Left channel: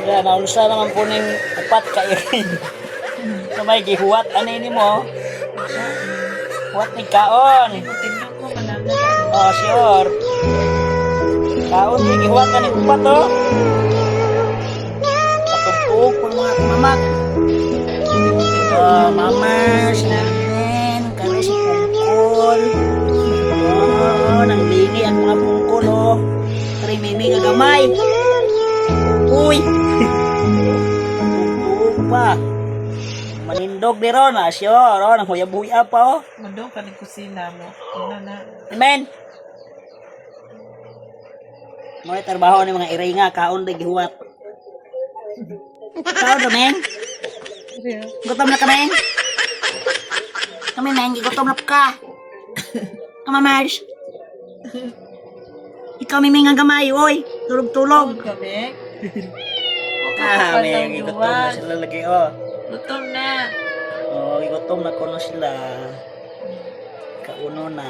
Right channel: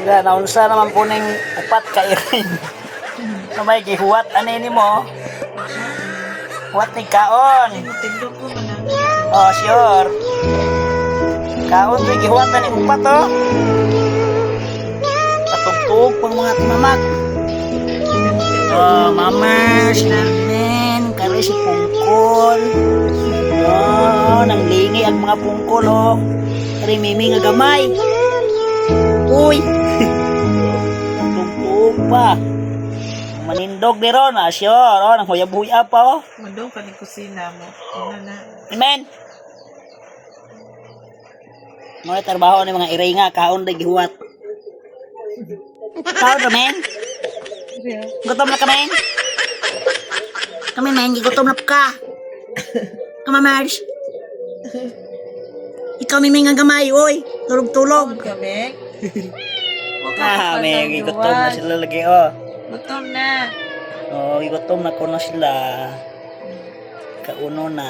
Kaya naunsa naman po ning upat ka irin. na may gihuwat ani ni mo. Huwat ni kaon. Ang Oh, sure. Kaon ni gihuwat ani upat oh. Patugtog pang mga timamak. Oh, mamers namin. Kari si Pungkol. Oh, nang lingi ang mga pungkol oh. Kari mimi nga gamay. Uy! Pa. Manindog di ron, ah, sure. Oh, nang huyab-huya pa oh. Mandong ka ni kusina mo. Ano na? Amen. Mga trabaho ni mga iringa, kaon di gihuwat. Kaon ra men? Gutom na ka men? Kami men, gutom na ka. Kama Mars. Ikaw may nga gamay, oy. Tulog-tulog. Tulog kami. Ah, may gutom na sila lagi, oh. Gutom na. Oh, gutom na ko na sila. Kauno na.